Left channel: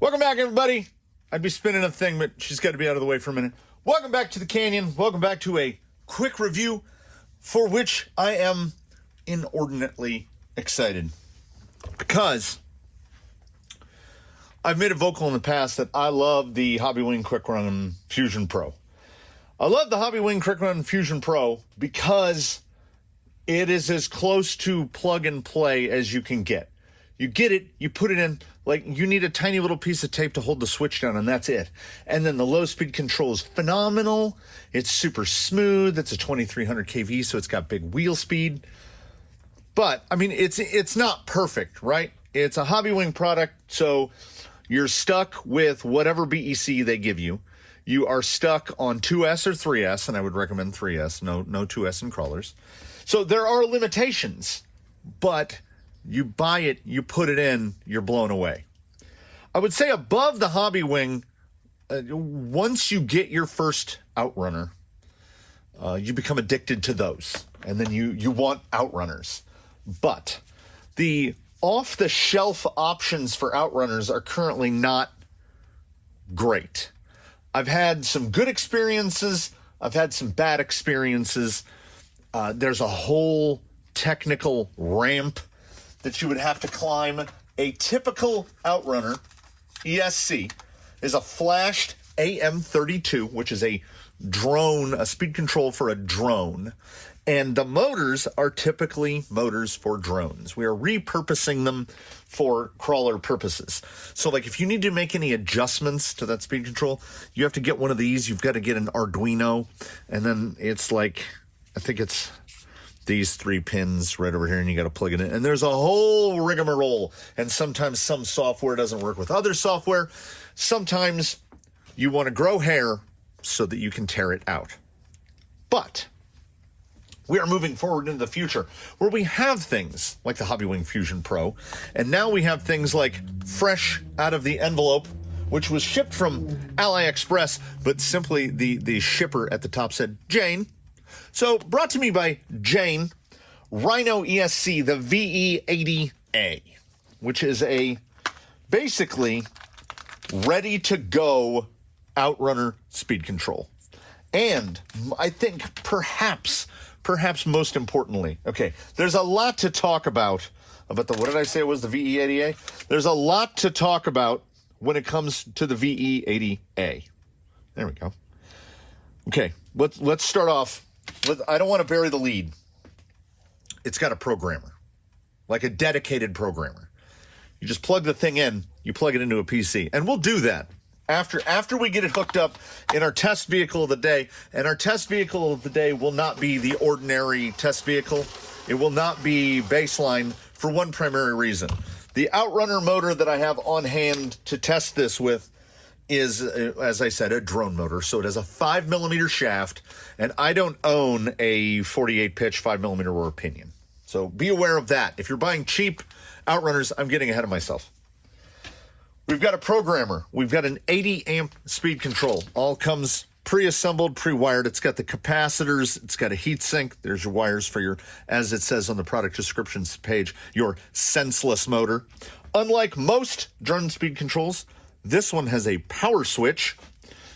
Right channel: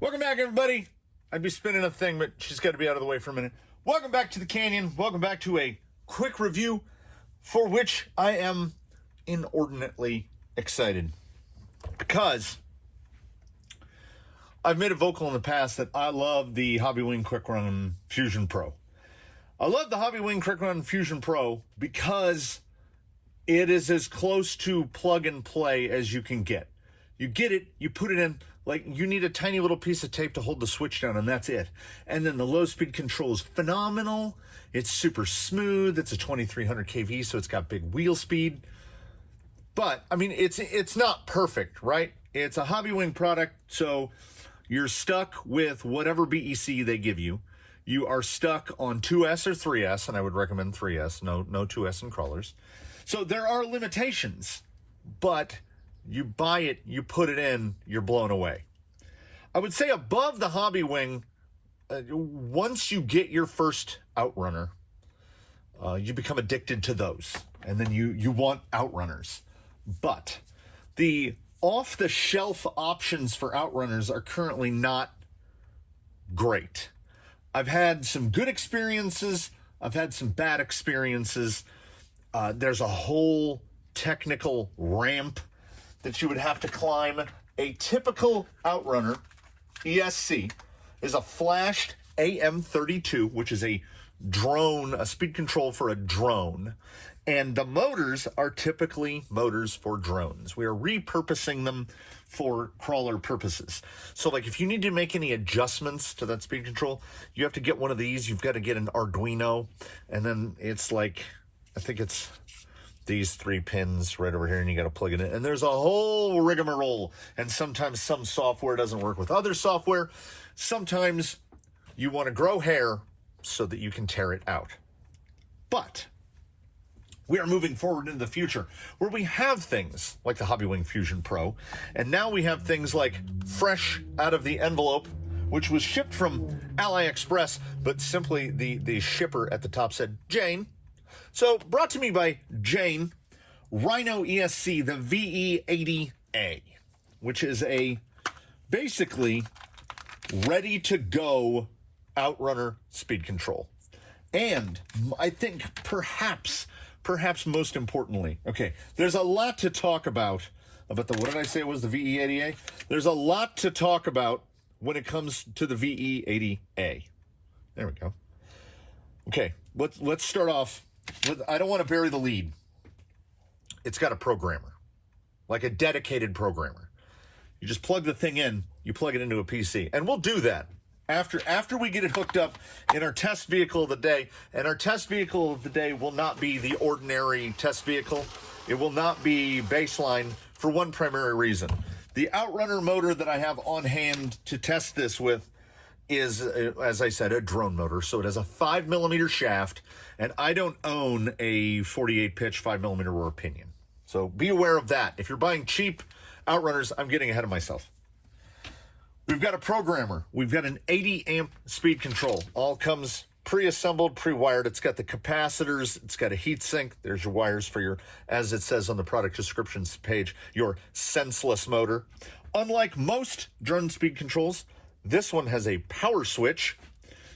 Welcome back, everybody. I'd be spinning a thing, but she's got to be out of the way for a minute. Welcome back to the Canyon. Welcome back to a quick review for which I am inordinately excited because I've made it vocal in the past that I love the Hobbywing Quick Run Fusion Pro. I love the Hobbywing Quick Run Fusion Pro because it is as close to plug and play as you can get. You get it, you put it in, like you need a tiny little piece of tape to hold the switch down, and that's it. And then the low speed control is phenomenal. It's super smooth. It's a 2300 kV, so it's got big wheel speed. But I mean, it's not perfect, right? It's a Hobbywing product, so you're stuck with whatever BEC they give you. You are stuck on 2S or 3S, and I would recommend 3S. No 2S in crawlers. So there are limitations, but you buy it, you put it in, you're blown away. I would say above the Hobbywing, once you get your first outrunner, you become addicted to those, and then you want outrunners. But the off-the-shelf options for outrunners are currently not great. I've had some good experiences. I've had some bad experiences. There's a whole technical ramp that you would have to climb. A typical outrunner ESC is a flashed AM32, which is a drone, a speed control for a drone. And the motors are typically motors for drones. We are repurposing them for crawler purposes. So like if you need to make any adjustments to that speed control, you have to get one of these. You've got to get an Arduino, and then it's like, I think it's these 3 pins right over here, and you got to plug it in. And there's a whole rigmarole. And sometimes some software doesn't work with other software. Sometimes you want to grow hair so that you can tear it out. But we are moving forward into the future where we have things like the Hobbywing Fusion Pro, and now we have things like fresh out of the envelope, which was shipped from AliExpress, but simply the shipper at the top said, Jane. So brought to me by Jane, Rhino ESC, the VE80A, which is a basically ready-to-go outrunner speed control. And I think perhaps most importantly, okay, there's a lot to talk about the, what did I say it was, the VE80A? There's a lot to talk about when it comes to the VE80A. There we go. Okay, let's start off. I don't want to bury the lead. It's got a programmer, like a dedicated programmer. You just plug the thing in, you plug it into a PC, and we'll do that after we get it hooked up in our test vehicle of the day. And our test vehicle of the day will not be the ordinary test vehicle. It will not be baseline for one primary reason. The outrunner motor that I have on hand to test this with is, as I said, a drone motor. So it has a 5mm shaft, and I don't own a 48 pitch 5mm rotor pinion. So be aware of that. If you're buying cheap outrunners, I'm getting ahead of myself. We've got a programmer. We've got an 80 amp speed control. All comes pre-assembled, pre-wired. It's got the capacitors. It's got a heat sink. There's your wires for your, as it says on the product descriptions page, your senseless motor. Unlike most drone speed controls, this one has a power switch.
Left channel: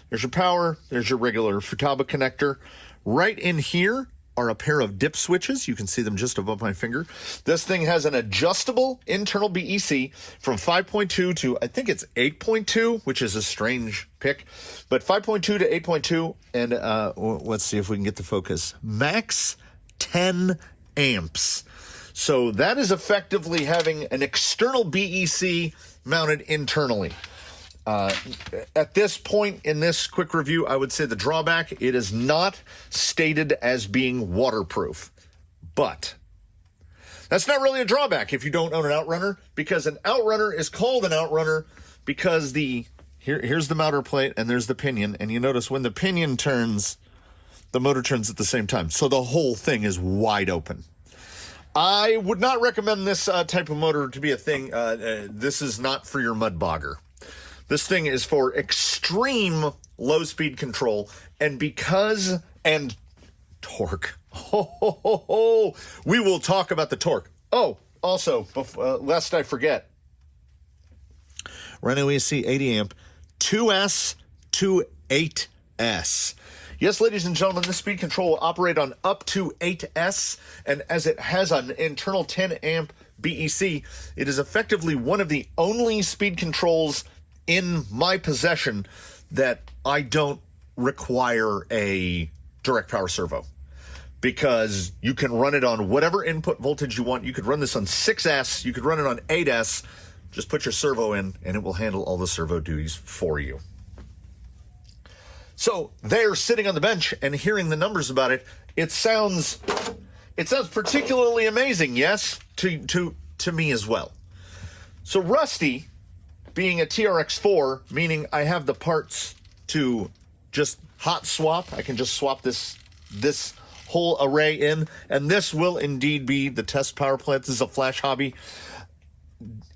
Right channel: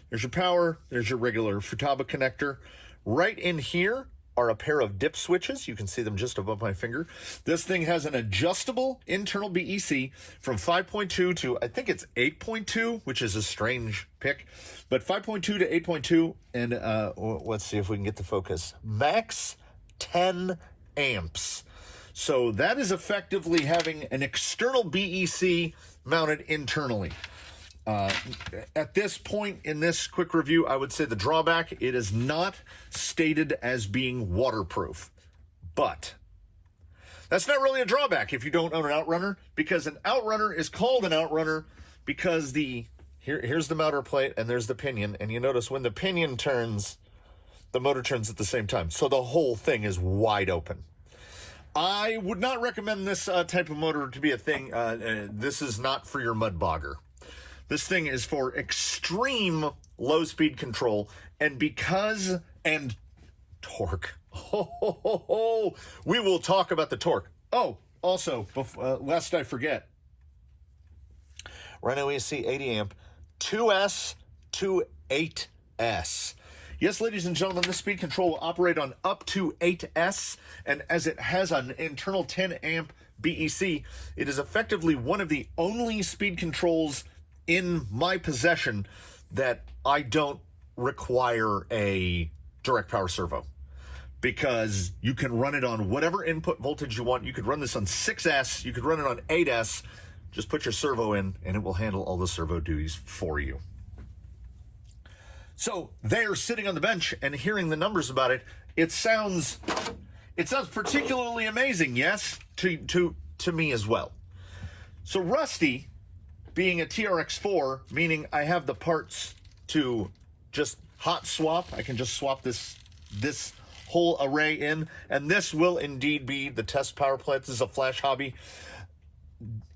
There's your power. There's your regular Futaba connector. Right in here are a pair of dip switches. You can see them just above my finger. This thing has an adjustable internal BEC from 5.2 to, I think it's 8.2, which is a strange pick, but 5.2 to 8.2, and let's see if we can get the focus. Max 10 amps. So that is effectively having an external BEC mounted internally. At this point in this quick review, I would say the drawback, it is not stated as being waterproof. But that's not really a drawback if you don't own an outrunner, because an outrunner is called an outrunner because here's the motor plate and there's the pinion, and you notice when the pinion turns, the motor turns at the same time. So the whole thing is wide open. I would not recommend this type of motor to be a thing. This is not for your mud bogger. This thing is for extreme low speed control, and torque. We will talk about the torque. Oh, also, lest I forget, Rhino ESC 80 amp 2S to 8S. Yes, ladies and gentlemen, this speed control will operate on up to 8S, and as it has an internal 10 amp BEC, it is effectively one of the only speed controls in my possession that I don't require a direct power servo, because you can run it on whatever input voltage you want. You could run this on 6S, you could run it on 8S, just put your servo in and it will handle all the servo duties for you. So they're sitting on the bench and hearing the numbers about it, it sounds particularly amazing, yes, to me as well. So Rusty, being a TRX4, meaning I have the parts to just hot swap. I can just swap this whole array in, and this will indeed be the test power plant. This is a flash hobby.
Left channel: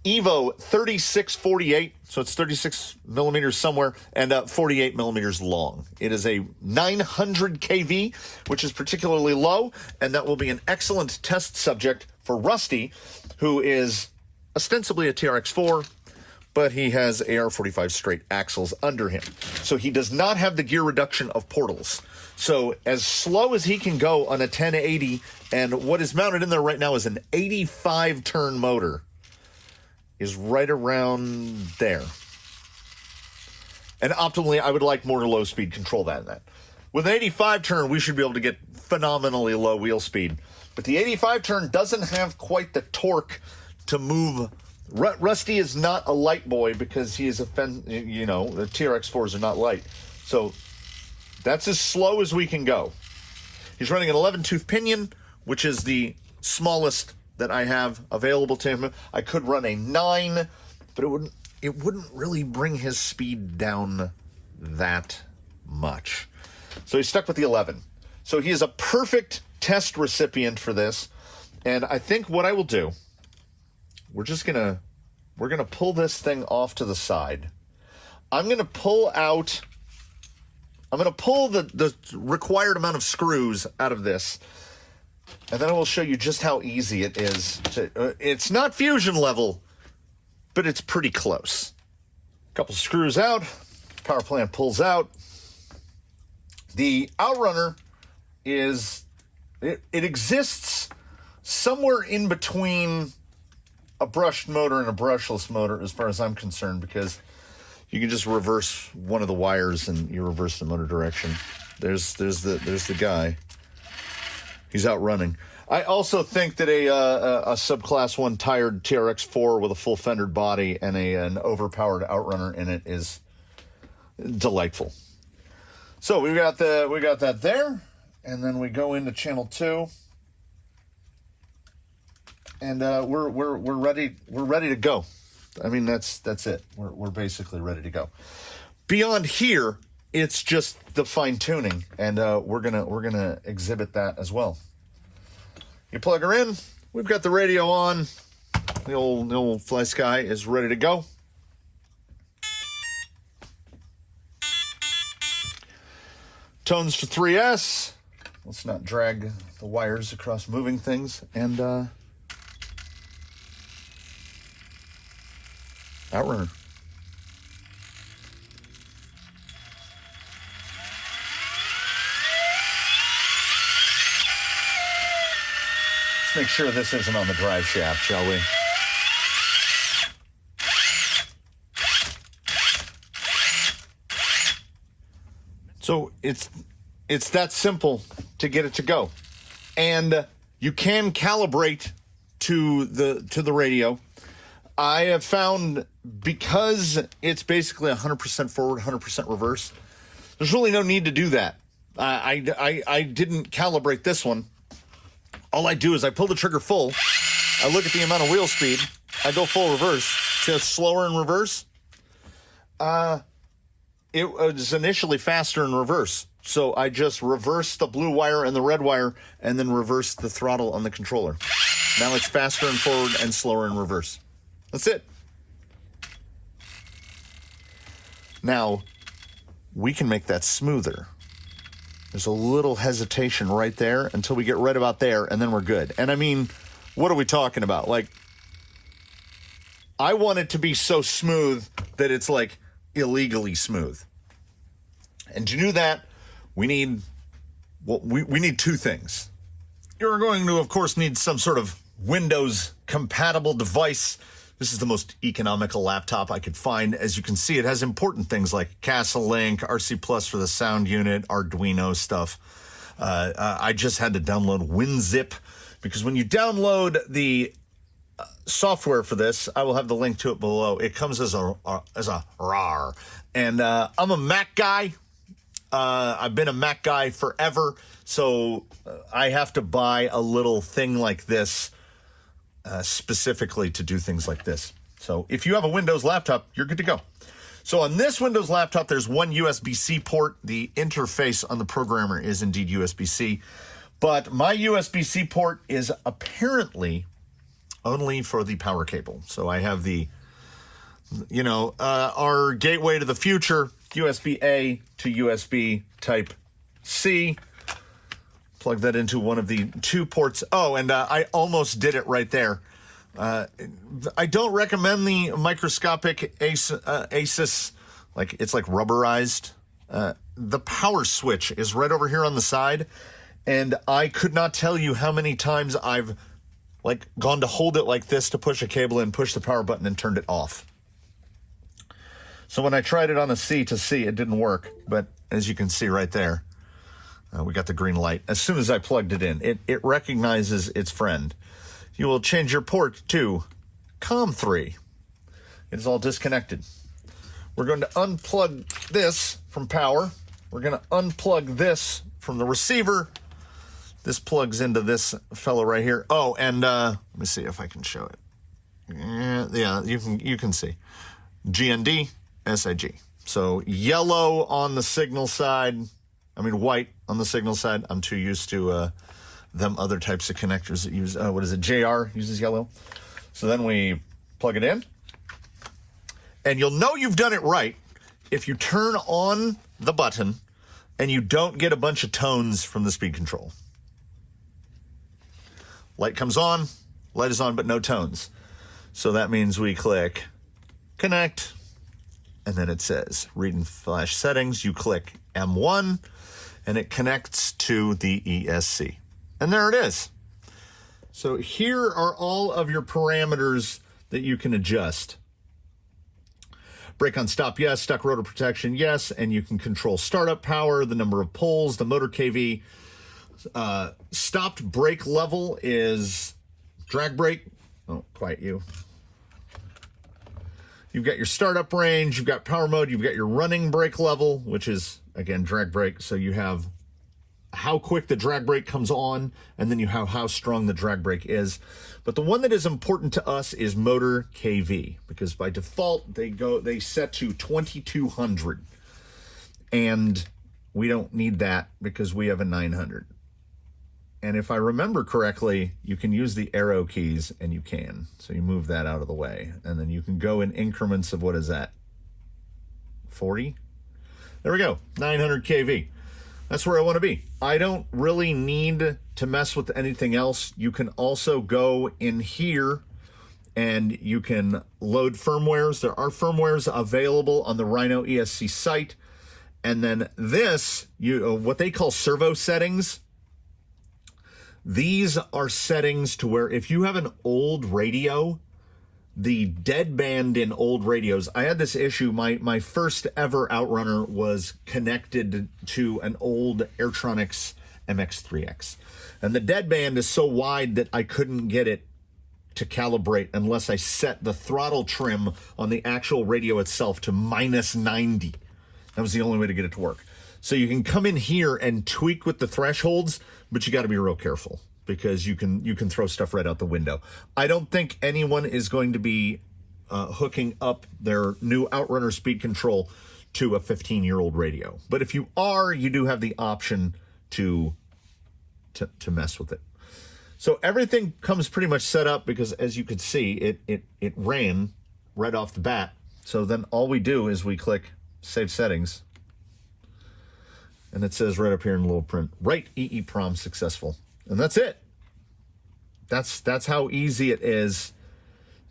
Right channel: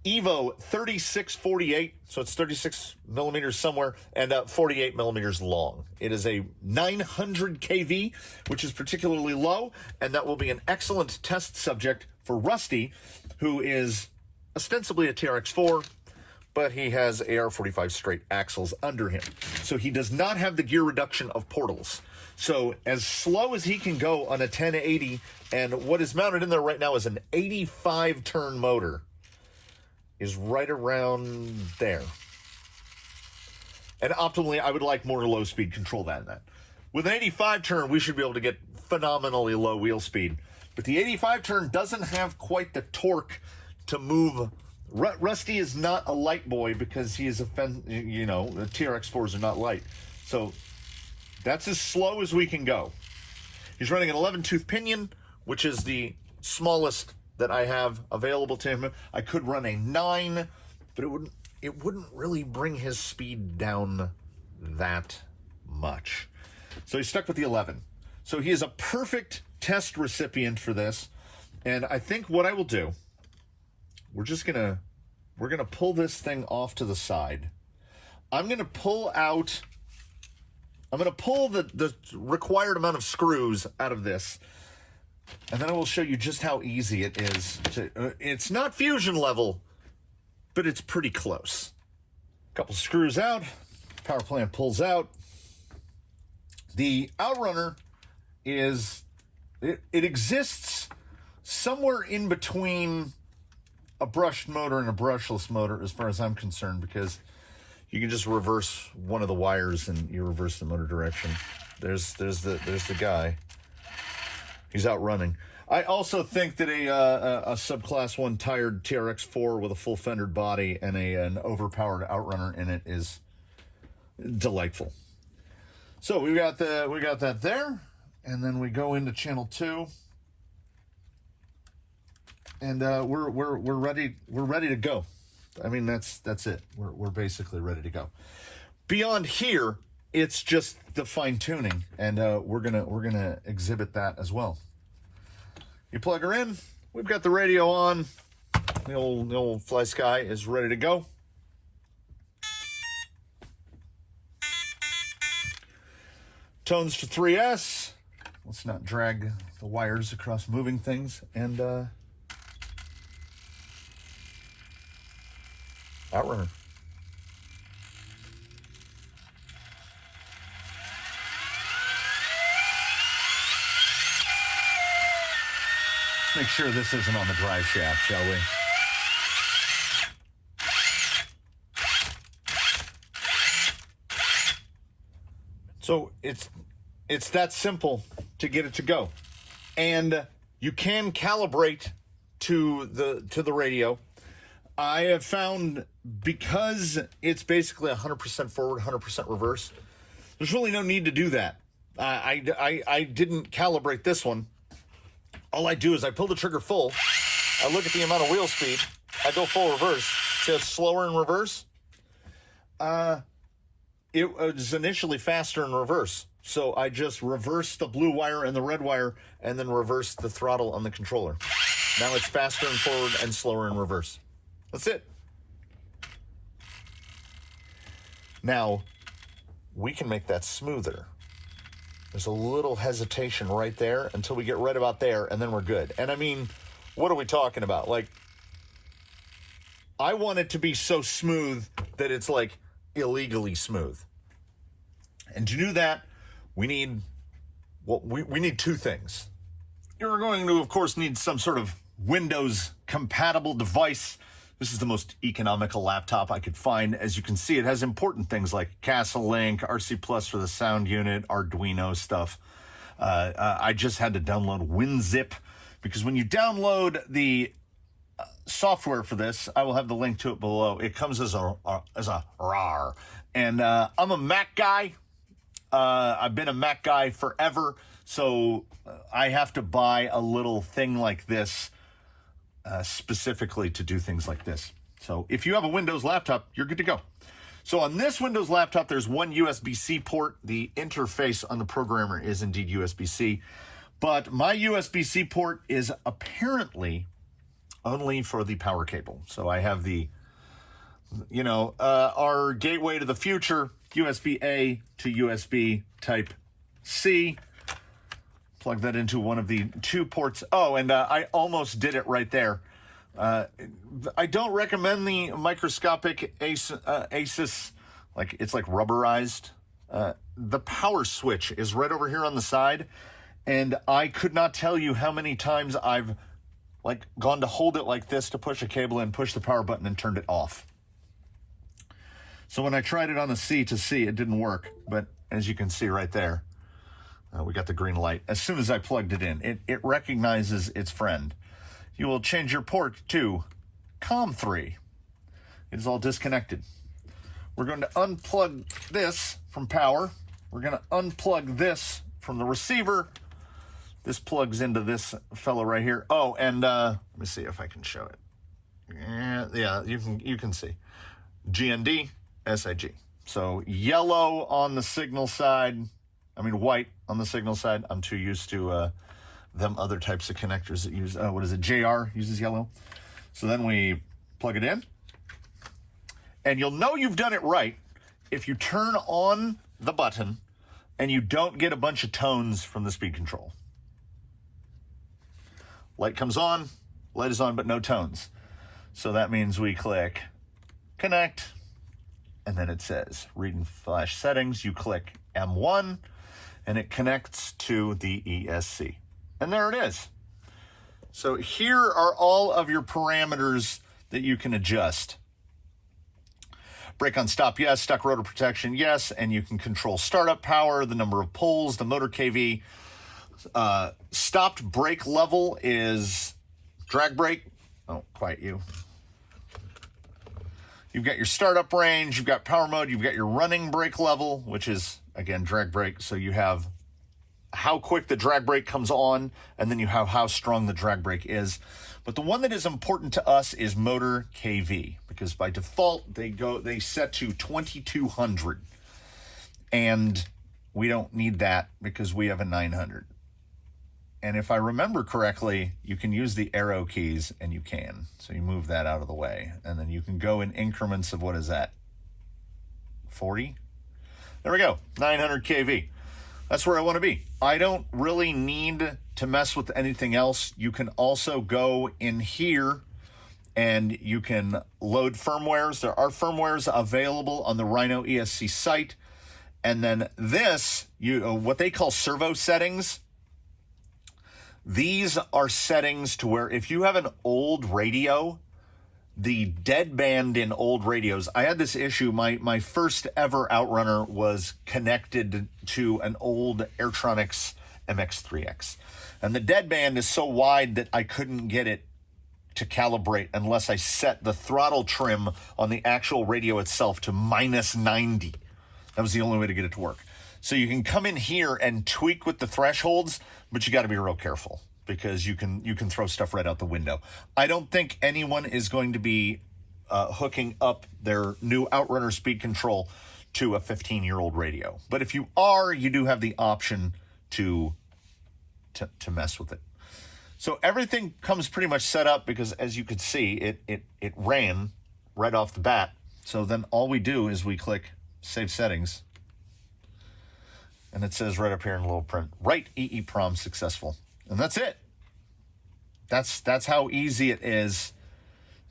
Evo 3648, so it's 36 millimeters somewhere, and 48 millimeters long. It is a 900 kV, which is particularly low, and that will be an excellent test subject for Rusty, who is ostensibly a TRX4, but he has AR-45 straight axles under him. So he does not have the gear reduction of portals. So as slow as he can go on a 1080, and what is mounted in there right now is an 85 turn motor, is right around there. And optimally, I would like more low speed control than that. With an 85 turn, we should be able to get phenomenally low wheel speed. But the 85 turn doesn't have quite the torque to move. Rusty is not a light boy because he is the TRX4s are not light. So that's as slow as we can go. He's running an 11 tooth pinion, which is the smallest that I have available to him. I could run a 9, but it wouldn't really bring his speed down that much. So he's stuck with the 11. So he is a perfect test recipient for this. And I think what I will do, we're gonna pull this thing off to the side. I'm gonna pull the required amount of screws out of this, and then I will show you just how easy it is to, it's not fusion level, but it's pretty close. A couple screws out, power plant pulls out. The outrunner it exists somewhere in between a brushed motor and a brushless motor as far as I'm concerned, because you can just reverse one of the wires and you reverse the motor direction. There's the guy. He's out running. I also think that a subclass 1 tired TRX4 with a full fendered body and an overpowered outrunner in it is delightful. So we got that there, and then we go into channel 2, and we're ready to go. I mean, that's it. We're basically ready to go. Beyond here, it's just the fine tuning, and we're gonna exhibit that as well. You plug her in. We've got the radio on. The old Fly Sky is ready to go. Tones for 3S. Let's not drag the wires across moving things, and outrunner. Let's make sure this isn't on the drive shaft, shall we? So it's that simple to get it to go. And you can calibrate to the radio. I have found, because it's basically 100% forward, 100% reverse, there's really no need to do that. I didn't calibrate this one. All I do is I pull the trigger full, I look at the amount of wheel speed, I go full reverse. See how slower in reverse? It was initially faster in reverse. So I just reversed the blue wire and the red wire and then reversed the throttle on the controller. Now it's faster in forward and slower in reverse. That's it. Now, we can make that smoother. There's a little hesitation right there until we get right about there, and then we're good. And I mean, what are we talking about? Like, I want it to be so smooth that it's like illegally smooth. And to do that, we need, well, we need two things. You're going to, of course, need some sort of Windows compatible device. This is the most economical laptop I could find. As you can see, it has important things like Castle Link, RC Plus for the sound unit, Arduino stuff. I just had to download WinZip because when you download the software for this, I will have the link to it below. It comes as a RAR. And I'm a Mac guy. I've been a Mac guy forever, so I have to buy a little thing like this specifically to do things like this. So if you have a Windows laptop, you're good to go. So on this Windows laptop, there's one USB-C port. The interface on the programmer is indeed USB-C, but my USB-C port is apparently only for the power cable. So I have the, you know, our gateway to the future, USB-A to USB Type-C. Plug that into one of the two ports. Oh, and I almost did it right there. I don't recommend the microscopic ASUS, like it's like rubberized. The power switch is right over here on the side, and I could not tell you how many times I've like gone to hold it like this to push a cable in, push the power button, and turned it off. So when I tried it on a C to C, it didn't work. But as you can see right there, we got the green light. As soon as I plugged it in, it recognizes its friend. You will change your port to COM3. It is all disconnected. We're going to unplug this from power. We're going to unplug this from the receiver. This plugs into this fellow right here. Oh, and let me see if I can show it. Yeah, you can see. GND, SIG. So yellow on the signal side. I mean white on the signal side. I'm too used to them other types of connectors that use, what is it, JR uses yellow. So then we plug it in. And you'll know you've done it right if you turn on the button and you don't get a bunch of tones from the speed control. Light comes on, light is on, but no tones. So that means we click connect, and then it says read and flash settings. You click M1, and it connects to the ESC. And there it is. So here are all of your parameters that you can adjust. Brake on stop, yes. Stuck rotor protection, yes. And you can control startup power, the number of poles, the motor KV. Stopped brake level is drag brake. Oh, quiet you. You've got your startup range, you've got power mode, you've got your running brake level, which is, again, drag brake. So you have how quick the drag brake comes on, and then you have how strong the drag brake is. But the one that is important to us is motor KV, because by default they set to 2200, and we don't need that because we have a 900. And if I remember correctly, you can use the arrow keys, and you can. So you move that out of the way, and then you can go in increments of, what is that, 40? There we go, 900 kV. That's where I want to be. I don't really need to mess with anything else. You can also go in here and you can load firmwares. There are firmwares available on the Rhino ESC site. And then this, what they call servo settings. These are settings to where if you have an old radio, the deadband in old radios, I had this issue. My first ever outrunner was connected to an old Airtronics MX3X. And the deadband is so wide that I couldn't get it to calibrate unless I set the throttle trim on the actual radio itself to -90. That was the only way to get it to work. So you can come in here and tweak with the thresholds, but you got to be real careful because you can throw stuff right out the window. I don't think anyone is going to be hooking up their new Outrunner speed control to a 15-year-old radio. But if you are, you do have the option to mess with it. So everything comes pretty much set up because, as you could see, it ran right off the bat. So then all we do is we click Save Settings, and it says right up here in little print, Write EEPROM successful. And that's it. That's how easy it is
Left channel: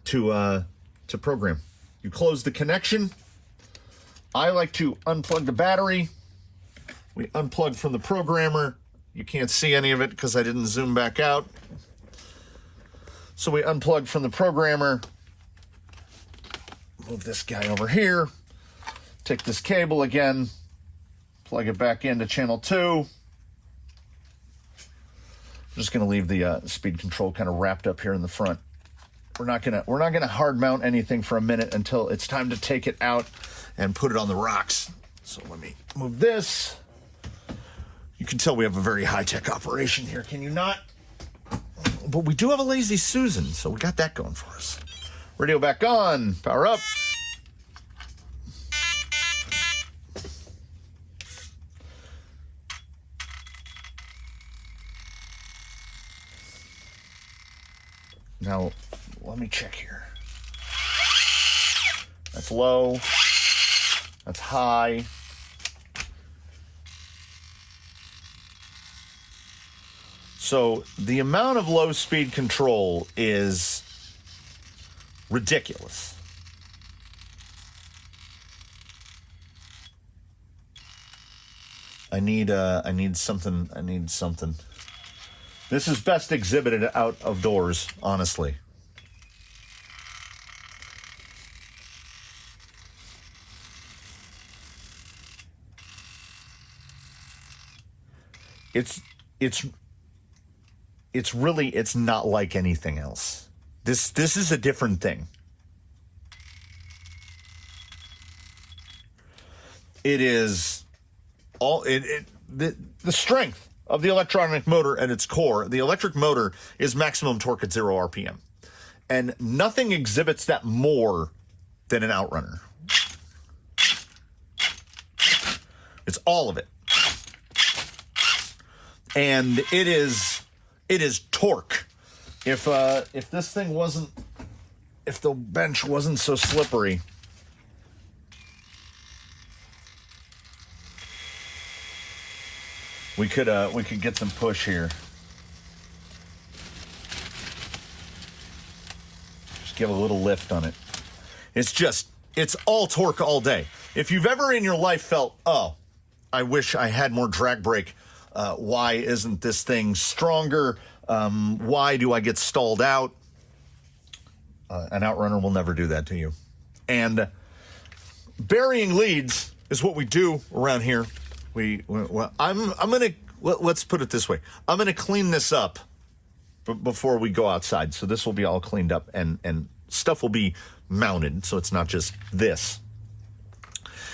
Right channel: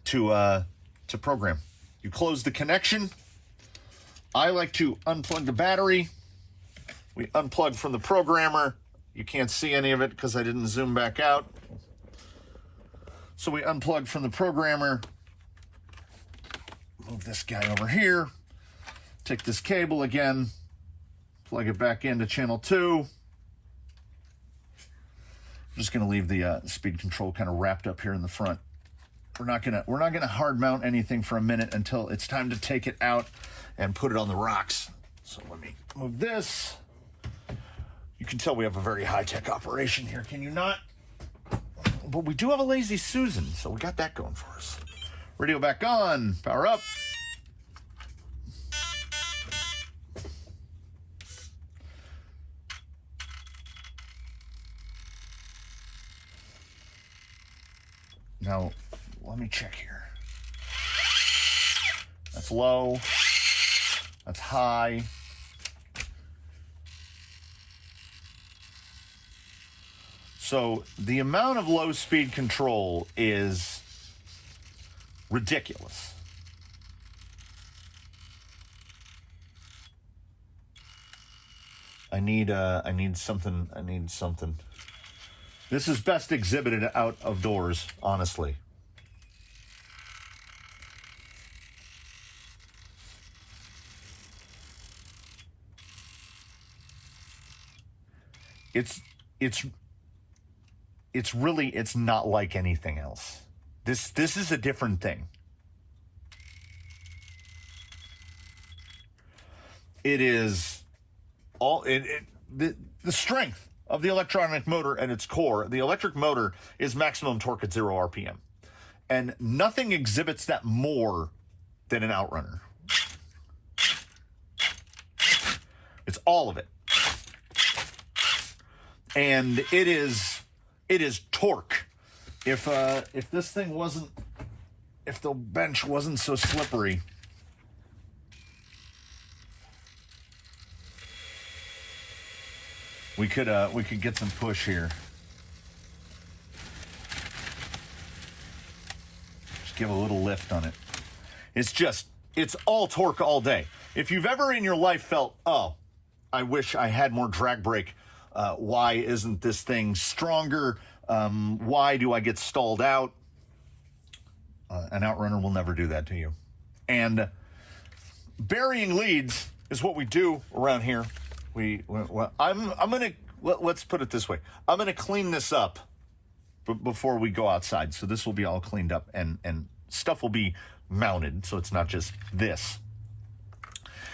to to program. You close the connection. I like to unplug the battery. We unplug from the programmer. You can't see any of it because I didn't zoom back out. So we unplug from the programmer. Move this guy over here. Take this cable again. Plug it back into channel 2. I'm just going to leave the speed control kind of wrapped up here in the front. We're not gonna hard mount anything for a minute until it's time to take it out and put it on the rocks. So let me move this. You can tell we have a very high-tech operation here, can you not? But we do have a Lazy Susan, so we got that going for us. Radio back on, power up. Now, let me check here. That's low. That's high. So the amount of low speed control is ridiculous. I need something. This is best exhibited out of doors, honestly. It's not like anything else. This is a different thing. It is all the strength of the electronic motor at its core. The electric motor is maximum torque at 0 RPM. And nothing exhibits that more than an outrunner. It's all of it. And it is torque. If this thing wasn't, if the bench wasn't so slippery, we could get some push here. Just give a little lift on it. It's all torque all day. If you've ever in your life felt, oh, I wish I had more drag brake. Why isn't this thing stronger? Why do I get stalled out? An outrunner will never do that to you. And burying leads is what we do around here. Let's put it this way. I'm gonna clean this up before we go outside. So this will be all cleaned up and stuff will be mounted. So it's not just this.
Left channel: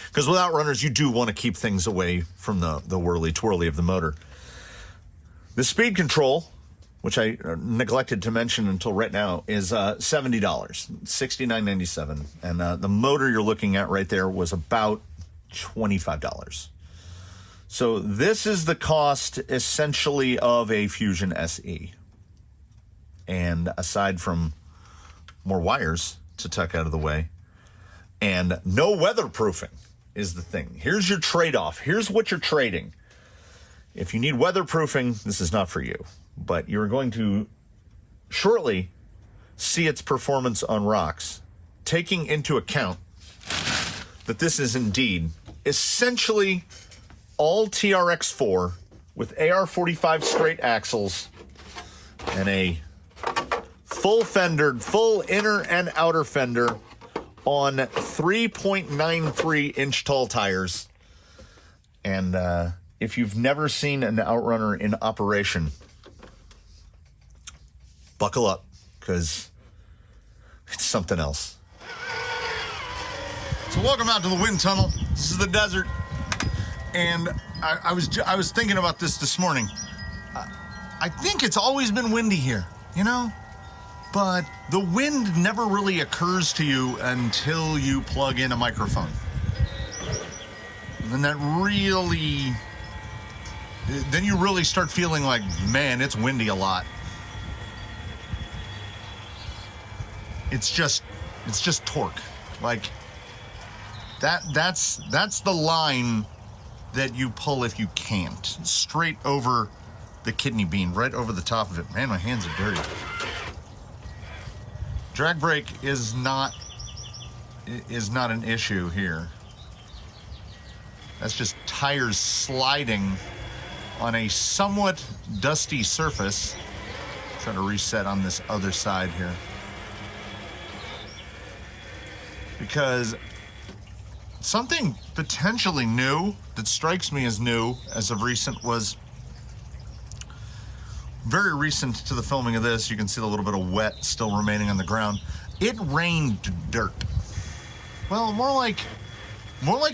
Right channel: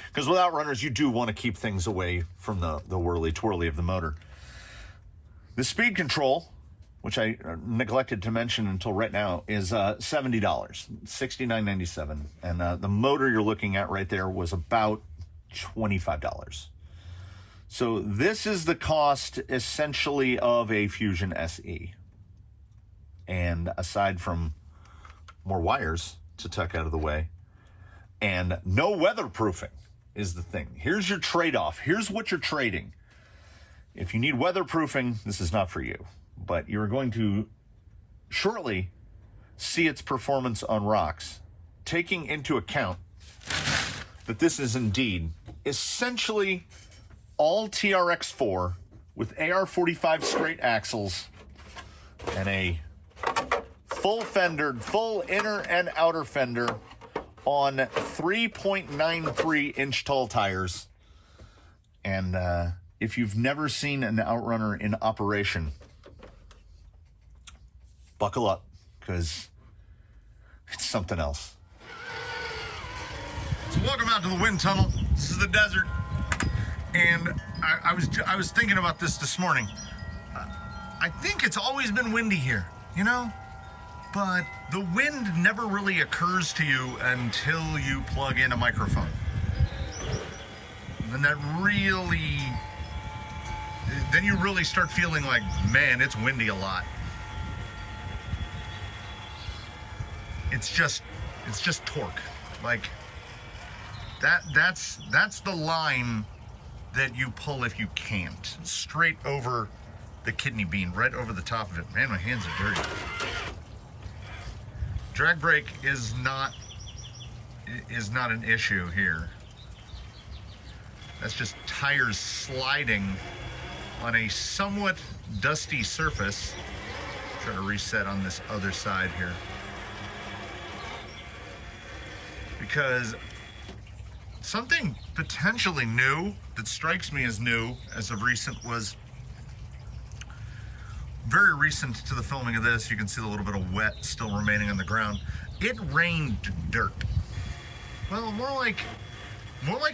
Because with outrunners, you do want to keep things away from the whirly-twirly of the motor. The speed control, which I neglected to mention until right now, is $70, $69.97. And the motor you're looking at right there was about $25. So this is the cost, essentially, of a Fusion SE. And aside from more wires to tuck out of the way, and no weatherproofing is the thing. Here's your trade-off. Here's what you're trading. If you need weatherproofing, this is not for you. But you're going to shortly see its performance on rocks, taking into account that this is indeed essentially all TRX4 with AR45 straight axles and a full fendered, full inner and outer fender on 3.93 inch tall tires. And if you've never seen an outrunner in operation, buckle up, because it's something else. So welcome out to the wind tunnel. This is the desert. And I was thinking about this morning. I think it's always been windy here, you know? But the wind never really occurs to you until you plug in a microphone. And then you really start feeling like, man, it's windy a lot. It's just torque. Like that's the line that you pull if you can't. Straight over the kidney bean, right over the top of it. Man, my hands are dirty. Drag brake is not is not an issue here. That's just tires sliding on a somewhat dusty surface. Try to reset on this other side here. Because something potentially new that strikes me as new as of recent was very recent to the filming of this. You can see a little bit of wet still remaining on the ground. It rained dirt. Well, more like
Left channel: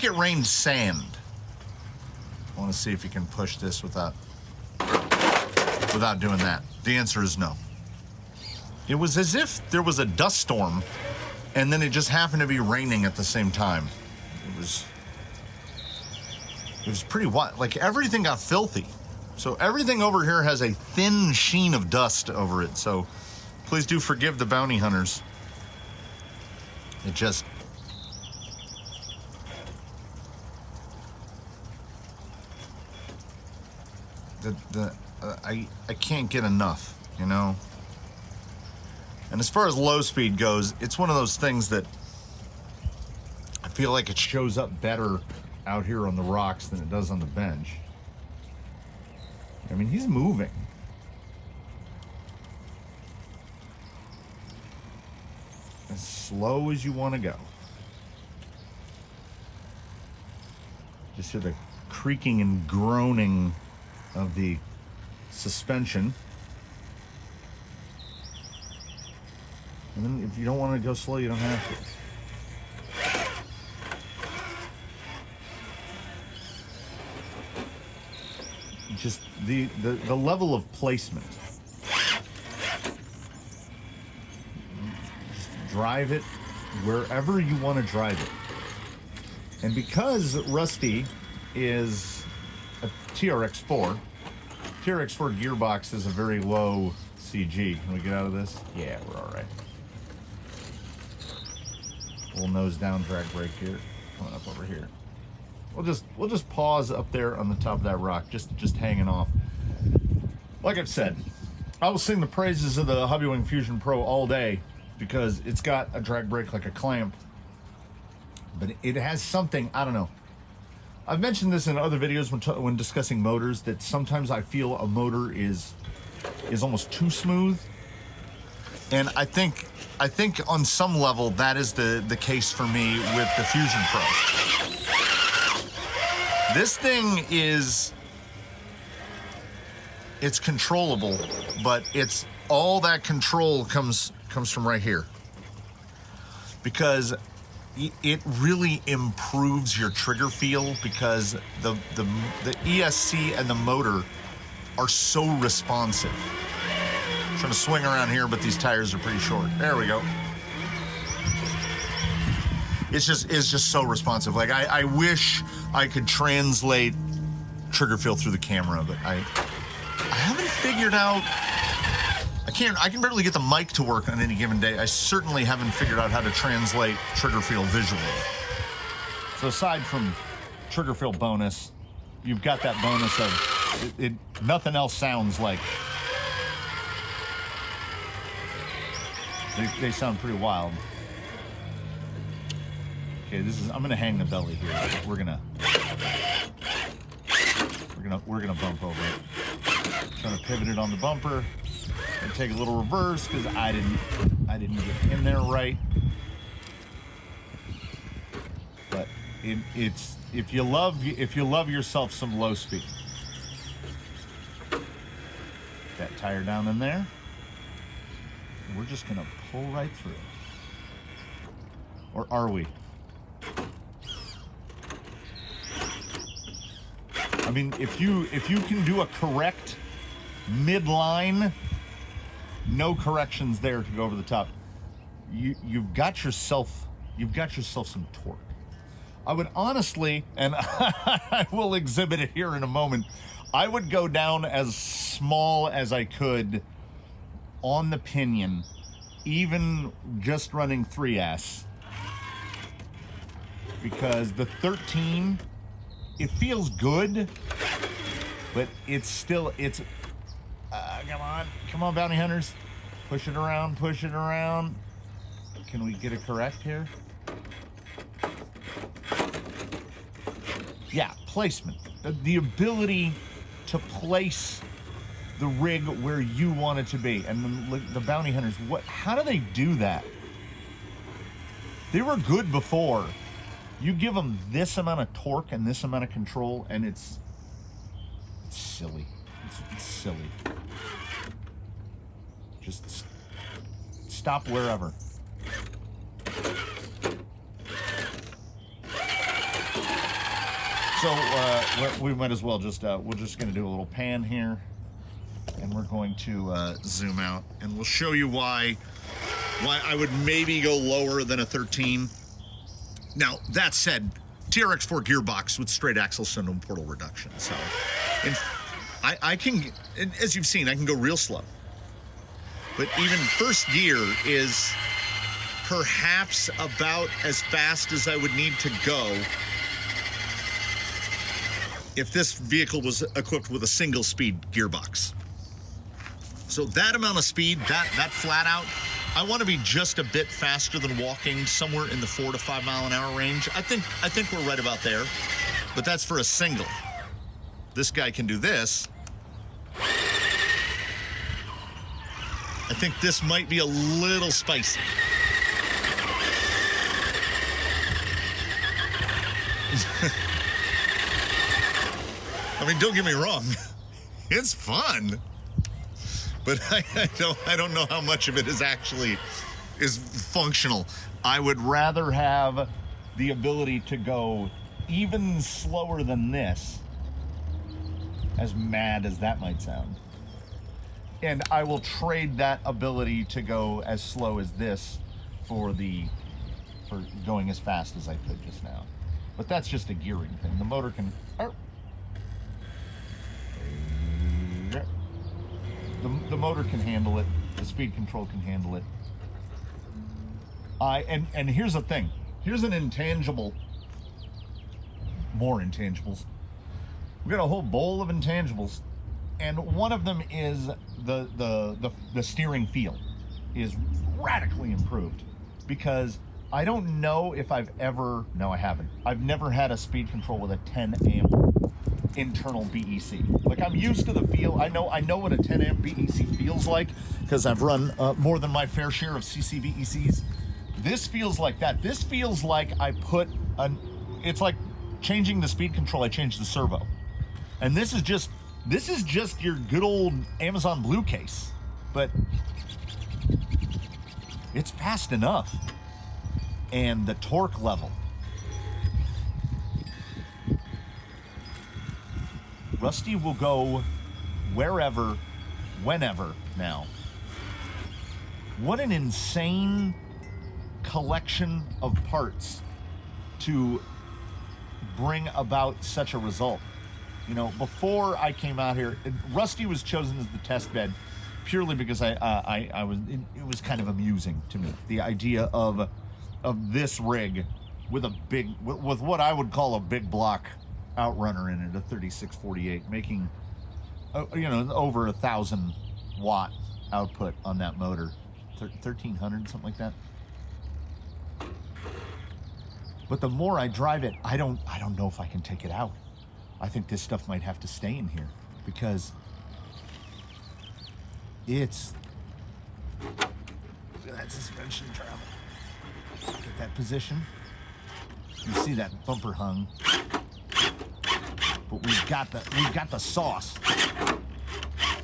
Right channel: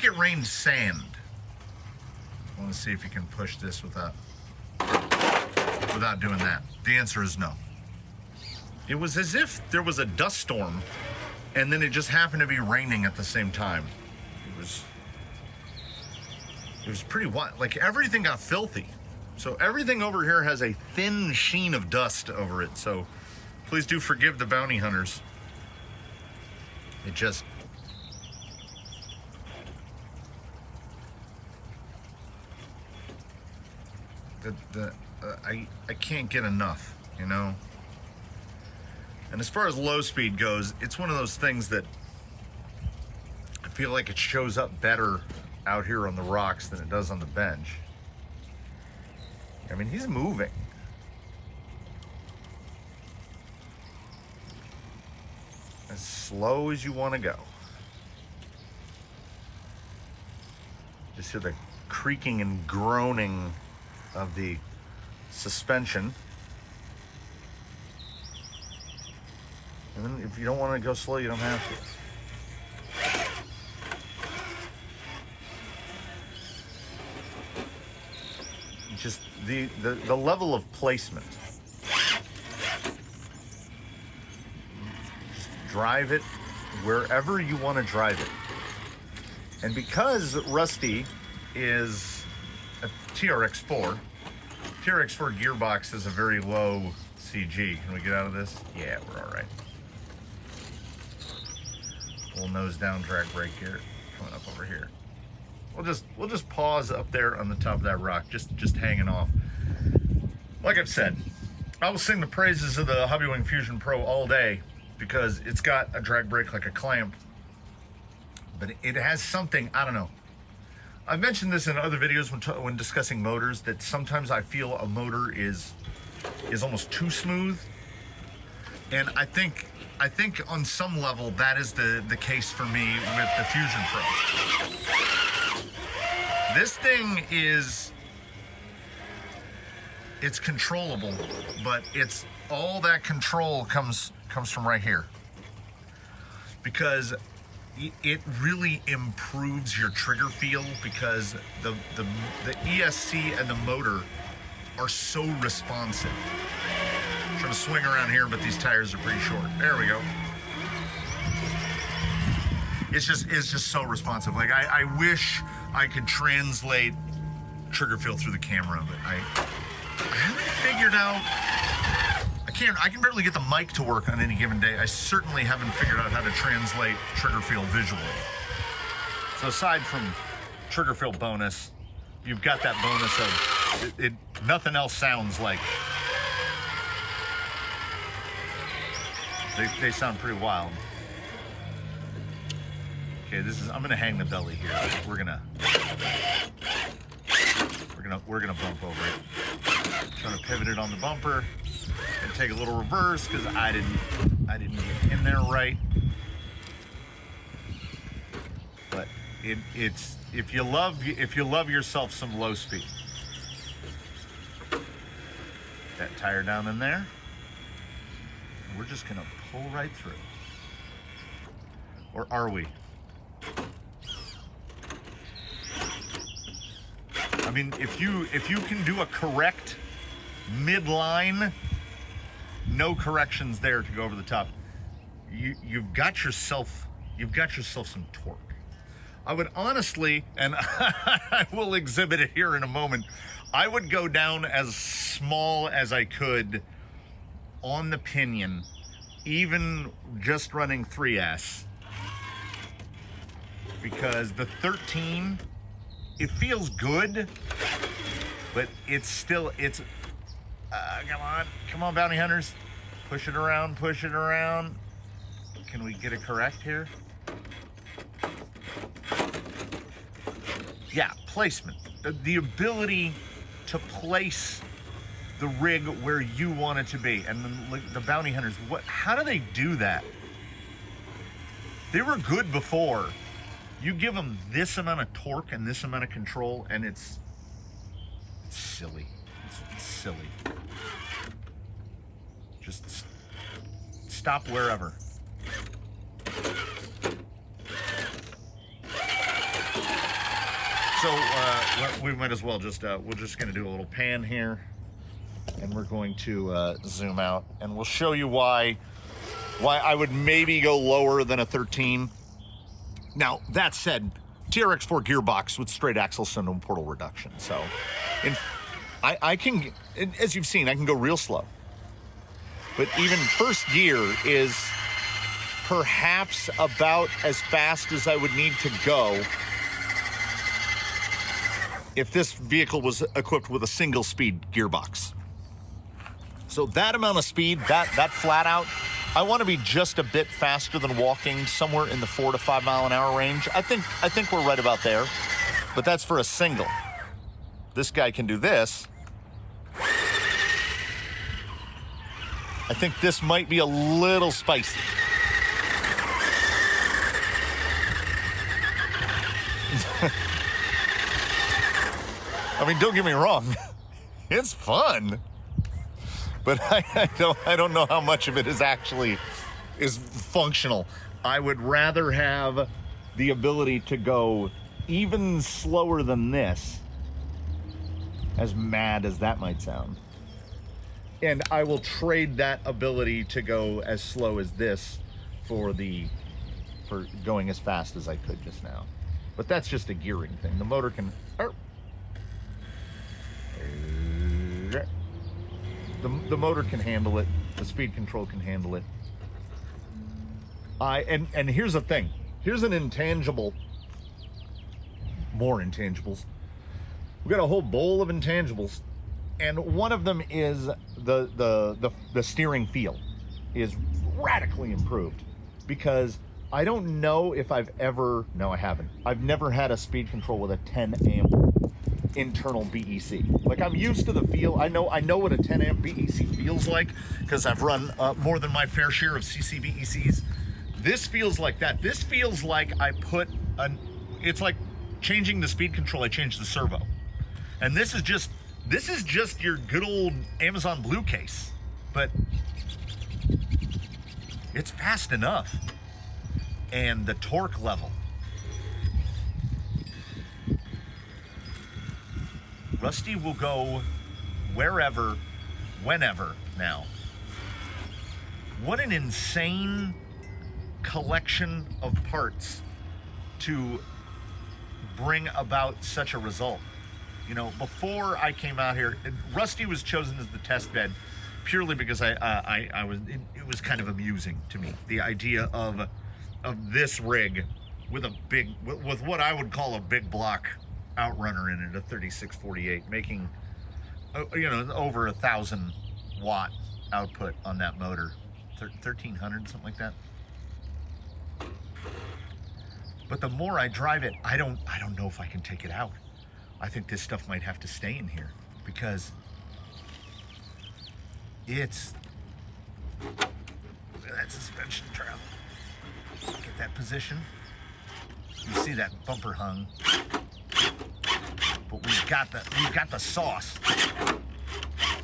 it rained sand. I want to see if you can push this without doing that. The answer is no. It was as if there was a dust storm and then it just happened to be raining at the same time. It was pretty wild. Like, everything got filthy. So everything over here has a thin sheen of dust over it. So please do forgive the bounty hunters. It just... I can't get enough, you know? And as far as low speed goes, it's one of those things that I feel like it shows up better out here on the rocks than it does on the bench. I mean, he's moving. As slow as you want to go. Just hear the creaking and groaning of the suspension. And then if you don't want to go slow, you don't have to. Just the level of placement. Just drive it wherever you want to drive it. And because Rusty is a TRX4 gearbox is a very low CG. Can we get out of this? Yeah, we're all right. Little nose down drag brake here. Coming up over here. We'll just pause up there on the top of that rock, just hanging off. Like I've said, I will sing the praises of the Hobbywing Fusion Pro all day because it's got a drag brake like a clamp, but it has something, I don't know. I've mentioned this in other videos when discussing motors, that sometimes I feel a motor is almost too smooth, and I think on some level that is the case for me with the Fusion Pro. This thing it's controllable, but it's all that control comes from right here, because it really improves your trigger feel, because the ESC and the motor are so responsive. I'm trying to swing around here, but these tires are pretty short. There we go. It's just so responsive. Like, I wish I could translate trigger feel through the camera, but I haven't figured out. I can barely get the mic to work on any given day. I certainly haven't figured out how to translate trigger feel visually. So aside from trigger feel bonus, you've got that bonus of nothing else sounds like. They sound pretty wild. Okay, I'm gonna hang the belly here. We're gonna bump over it. Trying to pivot it on the bumper and take a little reverse because I didn't get in there right. But it's if you love yourself some low speed. That tire down in there. And we're just gonna pull right through. Or are we? I mean, if you can do a correct midline, no corrections there to go over the top, you've got yourself some torque. I would honestly, and I will exhibit it here in a moment, I would go down as small as I could on the pinion, even just running 3S, because the 13, it feels good, but it's still, come on, bounty hunters, push it around. Can we get it correct here? Yeah, placement. The ability to place the rig where you want it to be. And the bounty hunters, how do they do that? They were good before. You give them this amount of torque and this amount of control, and it's silly. It's silly. Just stop wherever. So we might as well just, we're just going to do a little pan here, and we're going to zoom out, and we'll show you why I would maybe go lower than a 13. Now, that said, TRX4 gearbox with straight axle cylinder portal reduction. So I can, as you've seen, I can go real slow. But even first gear is perhaps about as fast as I would need to go if this vehicle was equipped with a single speed gearbox. So that amount of speed, that flat out, I want to be just a bit faster than walking, somewhere in the 4 to 5 mile an hour range. I think we're right about there, but that's for a single. This guy can do this. I think this might be a little spicy. I mean, don't get me wrong, it's fun, but I don't know how much of it is functional. I would rather have the ability to go even slower than this, as mad as that might sound. And I will trade that ability to go as slow as this for going as fast as I could just now. But that's just a gearing thing. The motor can... The motor can handle it. The speed control can handle it. And here's the thing. Here's an intangible. More intangibles. We've got a whole bowl of intangibles, and one of them is the steering feel is radically improved, because I don't know if I've ever... No, I haven't. I've never had a speed control with a 10 amp internal BEC. Like, I'm used to the feel. I know what a 10 amp BEC feels like, because I've run more than my fair share of CC BECs. This feels like that. This feels like I put it's like changing the speed control. I changed the servo, and this is just your good old Amazon Blue case, but it's fast enough, and the torque level. Rusty will go wherever, whenever now. What an insane collection of parts to bring about such a result. You know, before I came out here, Rusty was chosen as the test bed purely because it was kind of amusing to me. The idea of this rig with with what I would call a big block outrunner in it, a 3648, making over 1,000 watt output on that motor, 1,300, something like that. But the more I drive it, I don't know if I can take it out. I think this stuff might have to stay in here, because look at that suspension travel. Get that position. You see that bumper hung. But we've got the sauce.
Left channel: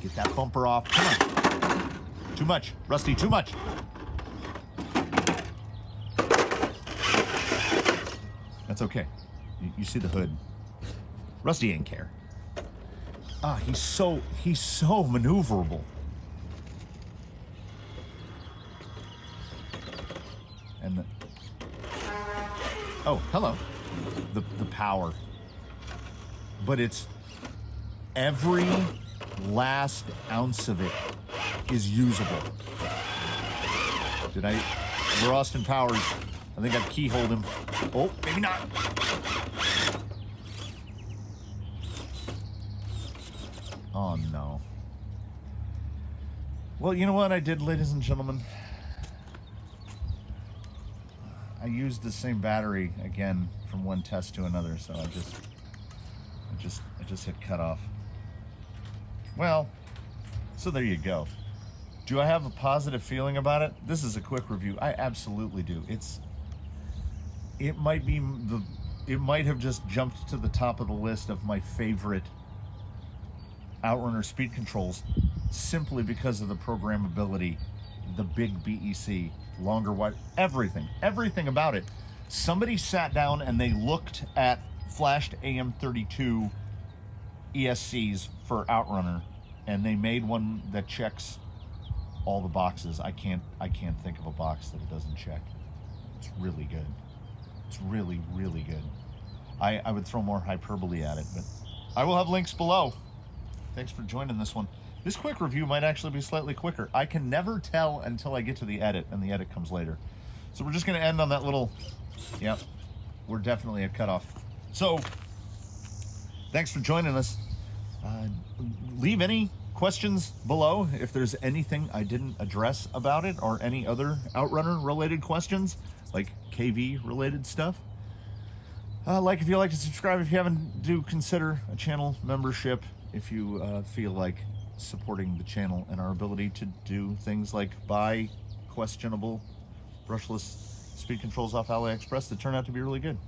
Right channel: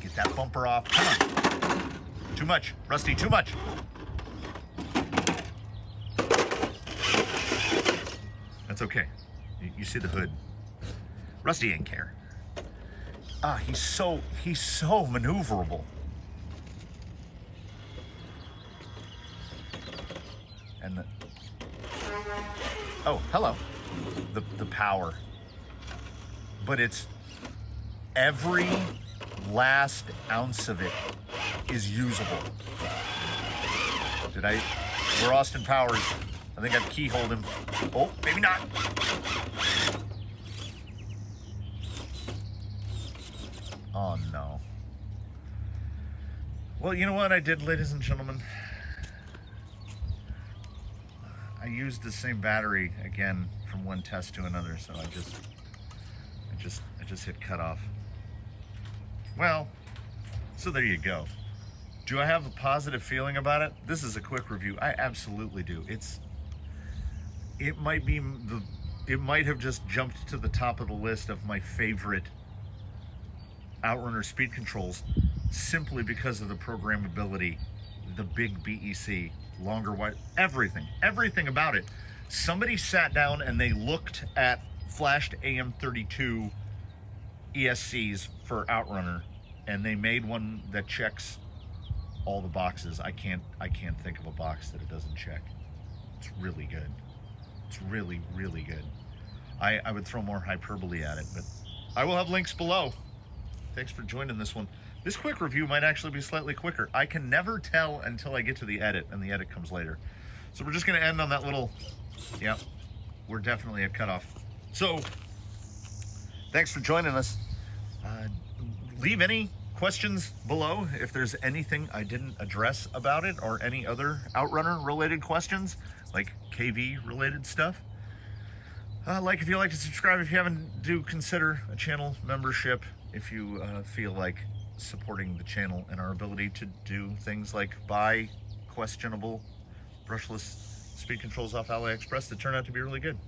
Get that bumper off. Come on. Too much, Rusty, too much. That's okay. You see the hood. Rusty ain't care. He's so maneuverable. And oh, hello. The power. But it's every last ounce of it is usable. We're Austin Powers. I think I've keyholed him. Oh, maybe not. Oh, no. Well, you know what I did, ladies and gentlemen? I used the same battery again from one test to another, so I just I just hit cut off. Well, so there you go. Do I have a positive feeling about it? This is a quick review. I absolutely do. It might have just jumped to the top of the list of my favorite outrunner speed controls simply because of the programmability, the big BEC, longer wide, everything about it. Somebody sat down and they looked at flashed AM32 ESCs for outrunner, and they made one that checks all the boxes. I can't think of a box that it doesn't check. It's really good. It's really, really good. I would throw more hyperbole at it, but I will have links below. Thanks for joining this one. This quick review might actually be slightly quicker. I can never tell until I get to the edit, and the edit comes later. So we're just gonna end on that little, yep, we're definitely at cutoff. So, thanks for joining us. Leave any questions below if there's anything I didn't address about it, or any other outrunner related questions, like KV related stuff. Like if you like to subscribe. If you haven't, do consider a channel membership if you feel like supporting the channel and our ability to do things like buy questionable brushless speed controls off AliExpress that turn out to be really good.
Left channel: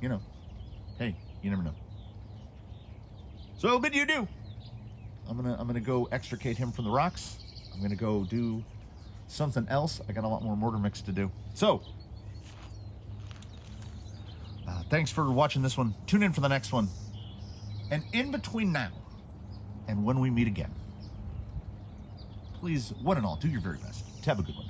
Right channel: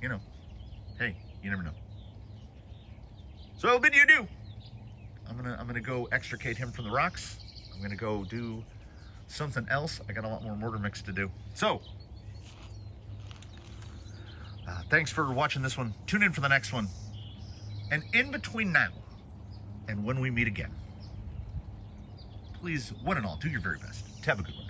You know, hey, you never know. So I'll bid you adieu. I'm gonna go extricate him from the rocks. I'm gonna go do something else. I got a lot more mortar mix to do. So thanks for watching this one. Tune in for the next one. And in between now and when we meet again, please, one and all, do your very best to have a good one.